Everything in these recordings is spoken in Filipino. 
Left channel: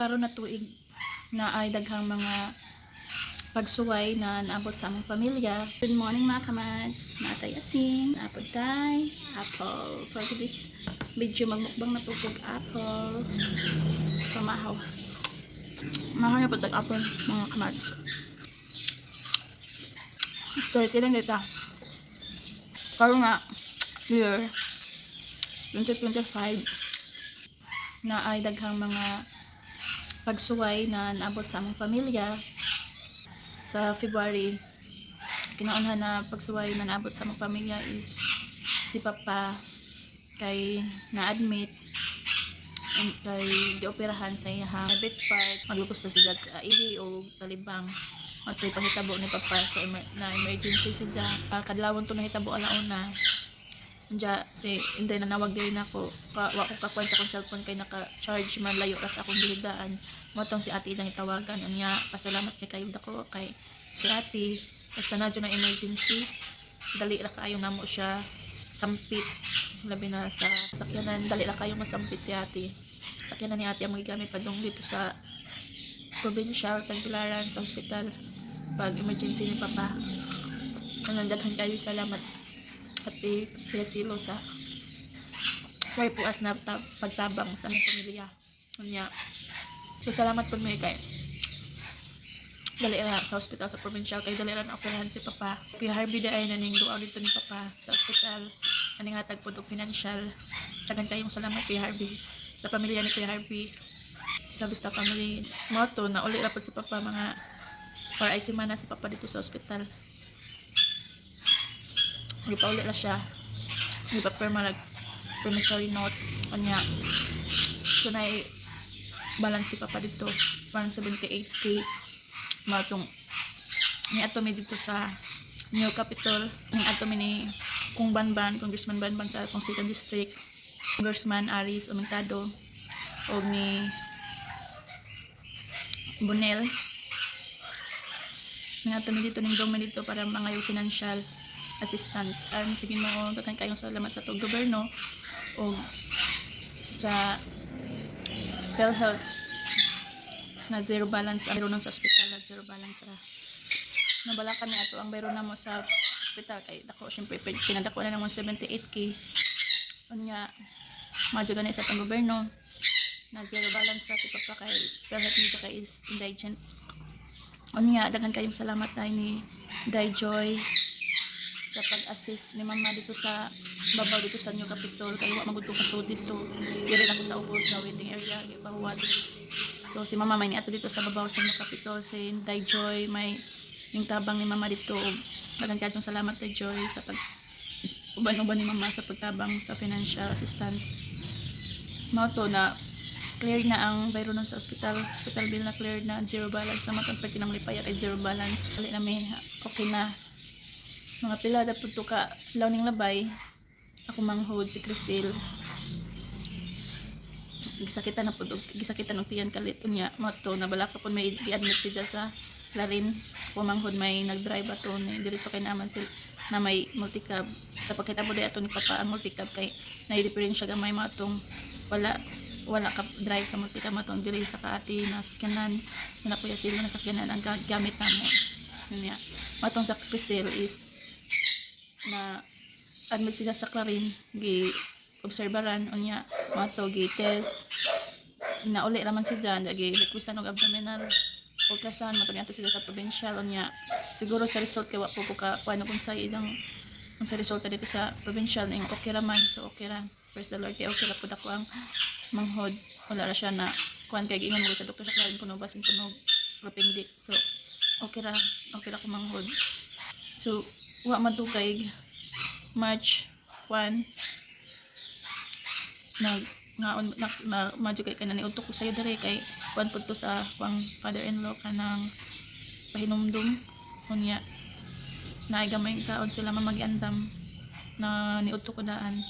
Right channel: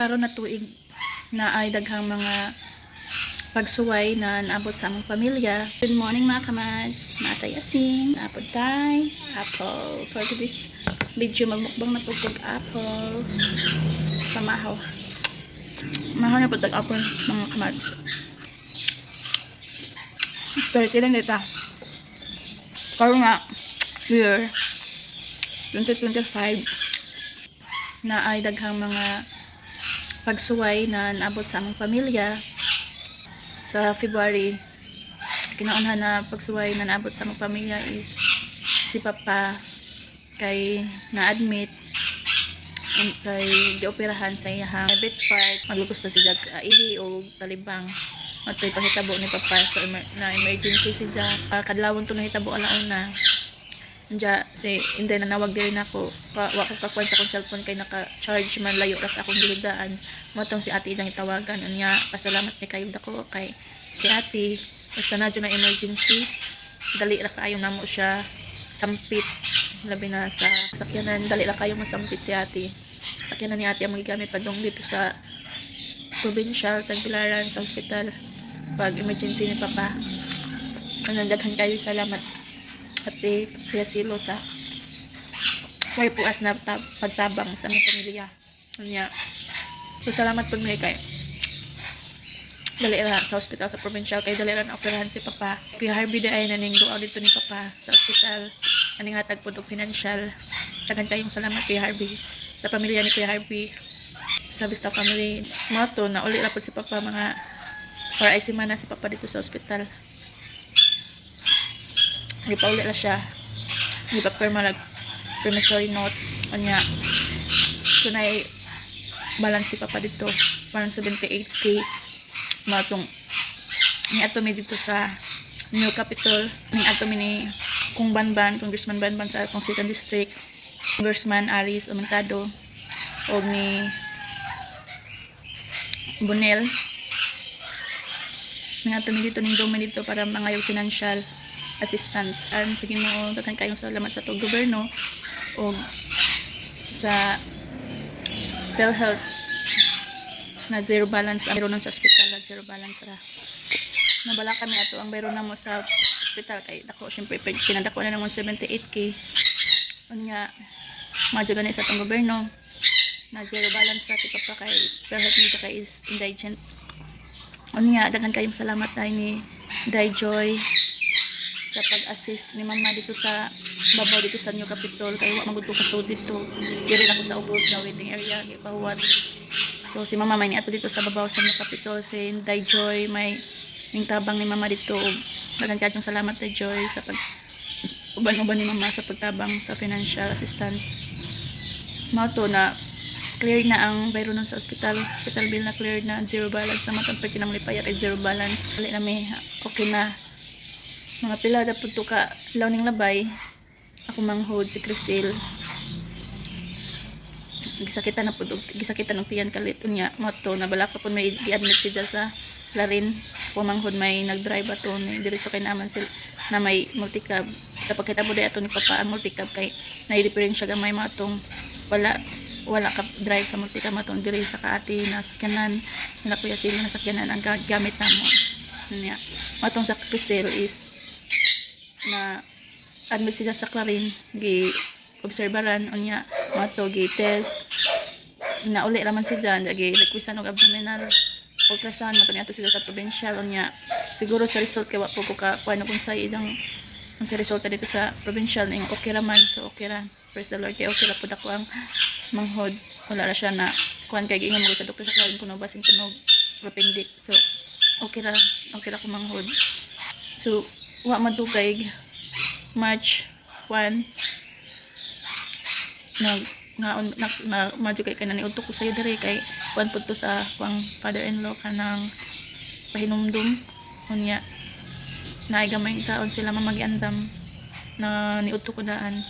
Karon na tuig na ay daghang mga pagsuway na naabot sa among pamilya. Good morning mga kamads, natay asin, apple tay, apple. For this video magmukbang na pugkog apple. Pamahaw. Mahaw na pugkog apple mga kamads. Story lang dito. Karon nga year 2025 na ay daghang mga pagsuway na naabot sa among pamilya. Sa February, kinaunhan na pagsuway na naabot sa among pamilya is si Papa kay na-admit and kay gioperahan sa iyang private part. Maglubos na siya ihi o talibang at kay pahitabo ni Papa sa na emergency siya. Kadlawon to nahitabo alauna. Diya si hindi na nawag diri nako wa ko kakuan sa akong cellphone kay naka-charge man layo ras akong gihigdaan mo tong si ate idang itawagan unya pasalamat ni kayo dako kay si ate basta na dyan na emergency dali ra kaayo namo siya sampit labi na sa sakyanan dali ra kayo masampit si ate sakyanan ni ate ang magigamit padung dito sa provincial Tagbilaran sa hospital pag emergency ni Papa daghan kayo salamat ate Kuya Silo sa way puas na pagtabang sa aming pamilya. Kanya, so salamat po may kay dali ra sa hospital sa provincial kay dali ra na operahan si Papa. Kuya Harvey da ay naning duaw dito ni Papa sa hospital. Aning hatag po og financial. Tagan kayong salamat Kuya Harvey sa pamilya ni Kuya Harvey. Sa Vista family moto na uli ra po si Papa mga para ay semana si Papa dito sa hospital. Ipauli na siya ipapirma nag promissory note kanya kunay balance si Papa dito 178k matong ni atomi dito sa New Capitol ni atomi ni Kung Banban Congressman Banban sa atong 2nd District Congressman Aris Aumentado o ni Bonel ni atomi dito ning dome dito para mga yung financial assistance and sige mo daghang kayong salamat sa tong gobyerno o sa PhilHealth na zero balance ang meron sa hospital na zero balance ra nabala kami ato ang meron na mo sa hospital kay dako syempre pinadako na ng 178k unya madyo gani sa tong gobyerno na zero balance ra si Papa kay PhilHealth ni kay is indigent unya daghang kayong salamat ay ni Dayjoy sa pag-assist ni Mama dito sa babaw dito sa New Capitol kay wa magud ko kasud dito diri ako sa ubos na waiting area kay pahuwat so si Mama may ni ato dito sa babaw sa New Capitol si Dayjoy may ning tabang ni Mama dito daghang kayong salamat Dayjoy sa pag uban-uban ni Mama sa pagtabang sa financial assistance mao to na cleared na ang bayro nun sa hospital bill na cleared na zero balance na matang pwede nang lipaya kay zero balance kali na may okay na mga pila da pud to ka lawning labay ako manghod si Crisil gisakitan na pud gisakitan og tiyan kalit unya moto na bala ka pud may gi-admit siya sa Clarin ako manghod may nag-drive ato ni diretso kay naman sil na may multicab sa pagkitabo day ato ni Papa ang multicab kay na-repairing siya gamay matong wala ka drive sa multicab matong diri sa kaati na sakyanan na Kuya Silo na sakyanan ang gamit namo unya matong sa Crisil is na admit siya sa Clarin gi obserbaran unya mato gi test na uli raman siya gi requisan og abdominal ultrasound mato niya sila sa provincial unya siguro sa result kay wa po ko ka kuan kung sa idang ang sa resulta dito sa provincial ning okay raman so okay ra praise the Lord kay okay ra pud ako ang manghod wala ra siya na kuan kay giingon mo sa doktor sa Clarin kuno basin kuno appendix so okay ra ko manghod so wa man to kay March 1 na madyo kay kanani udto ko sayo dire kay kuan pud to sa kuang father-in-law kanang pahinumdum unya naay gamay kaon sila mamagiandam na niudto ko daan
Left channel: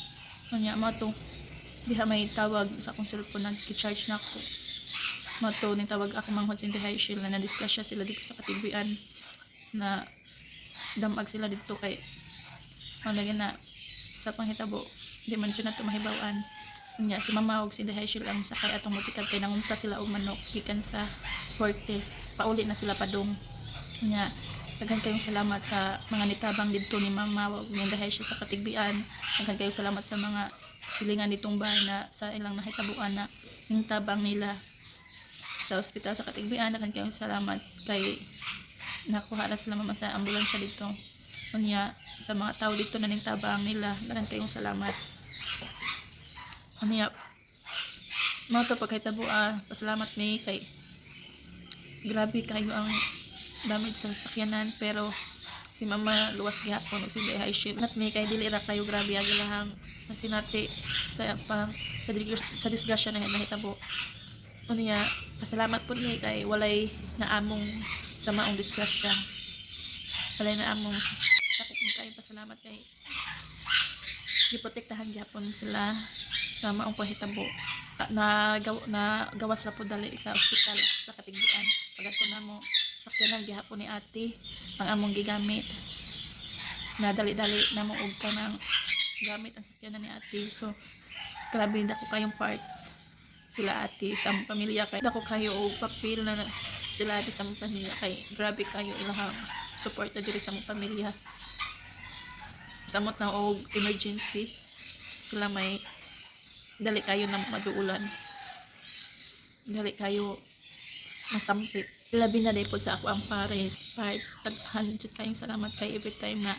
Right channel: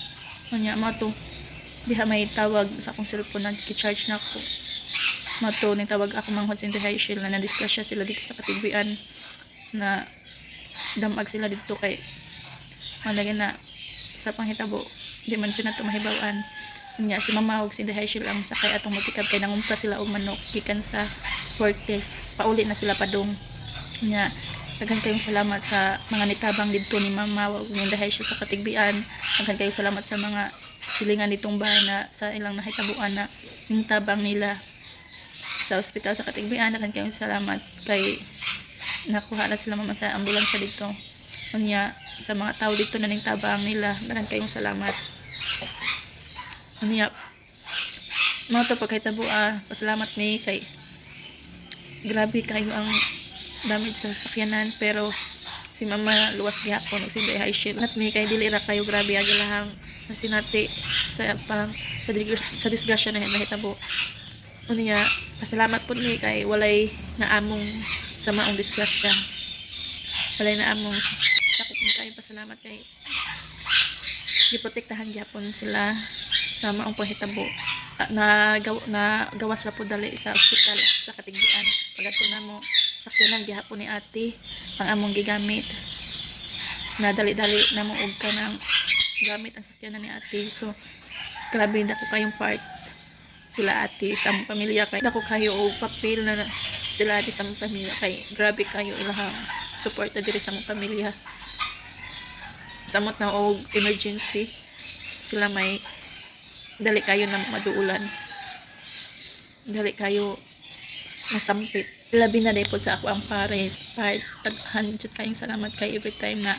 unya mo to diha may tawag sa akong cellphone na gi-charge nako mo to ni tawag ako manghod sa High Shield na na-discuss sila dito sa katigbian na damag sila dito kay malagyan na sa panghitabo di man siya na ito mahibawan Nya si mama ug si Inday Hazel ang sakay atong multikab kay nangumpra sila og manok gikan sa Fortes. Pauli na sila padung. Nya daghan kayong salamat sa mga nitabang didto ni mama ug ni Inday Hazel sa Katigbian. Daghan kayong salamat sa mga silingan nitong bahay na sa ilang nahitabuan na yung tabang nila sa ospital sa Katigbian. Daghan kayong salamat kay nakuha na sila mama sa ambulansya dito. Unya sa mga tao dito na ning tabang nila, daghan kayong salamat. Unya mao to pagkahitabo pasalamat mi kay grabe kayo ang damage sa sakyanan, pero si mama luwas gihapon ug si Inday Hazel nat mi kay dili ra kayo grabe agilahang nasinati sa sa disgrasya na nahitabo. Unya pasalamat pud mi kay walay naamong sa maong disgrasya, walay naamong sakit mi kay pasalamat kay giprotektahan gyapon sila sa maong panghitabo. Gawas ra po dali sa ospital sa Katigbian. Pagadto namo sakyanan gihapon ni ate ang among gigamit, na dali-dali namo og kanang gamit ang sakyanan ni ate. So grabe dako kayong part sila ate sa among pamilya, kay dako kayo og papel na sila ate sa among pamilya, kay grabe kayo ilahang suporta diri sa among pamilya. Samot na og emergency sila may dali kayo na maduulan, dali kayo masampit. Labi na dahil po sa ako ang parts. Taghan jud kayong salamat kay every time na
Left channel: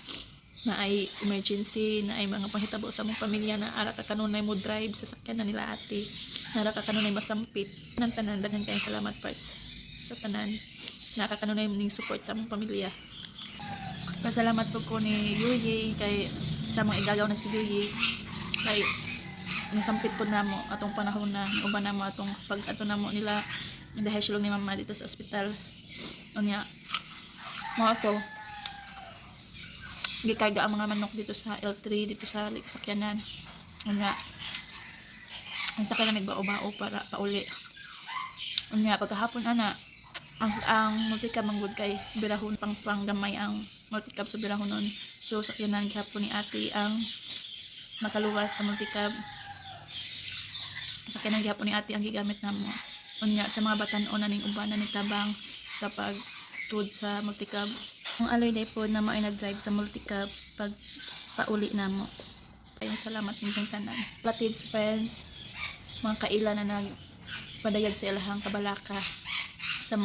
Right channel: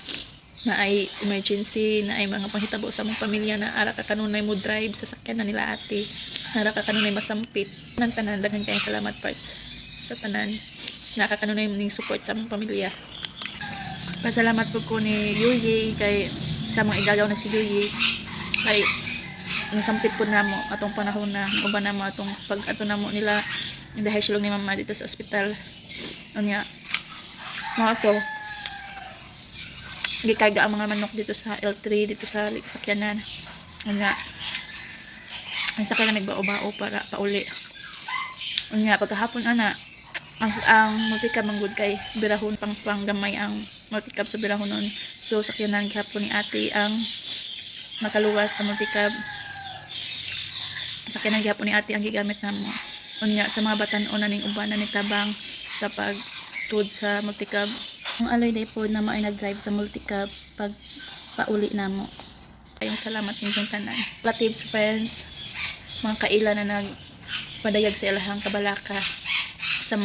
ay emergency, na ay mga panghitabo sa mong pamilya, na ara ka kanunay mo drive sa sakyan na nila ate, na ara ka kanunay masampit. Nang tanan, daghan kayong salamat parts sa tanan na ka kanunay ning support sa mong pamilya. Pasalamat po ko ni Yuyi kay sa mga igagaw na si Yuyi kay nasampit po namo atong panahon na uban namo atong pag ato namo nila dahil silong ni mama dito sa ospital. Unya mga to gikarga ang mga manok dito sa L3 dito sa sakyanan. Unya ang sakyanan nagbao-bao para pauli. Unya pagkahapon ana ang multikab manggod kay birahon pang gamay ang multikab sa birahonon. So sakyanan gihapon ni ate ang makaluwas sa multikab. Sakyanan gihapon ni ate ang gigamit namo. Unya sa mga batan-o na ning uban na nitabang sa pagtud sa multikab. Ang aloy day po na maay nag-drive sa multikab pag pauli namo. Kayong salamat ninyong tanan. Relatives, friends, mga kaila na nagpadayag sa ilahang kabalaka sa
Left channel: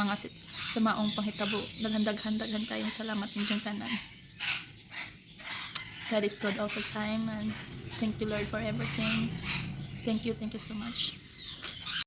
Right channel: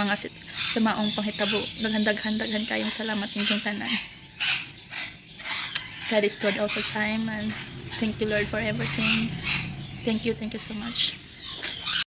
maong panghitabo. Daghan kayong salamat ninyong tanan. God is good all the time, and thank you Lord for everything. Thank you so much.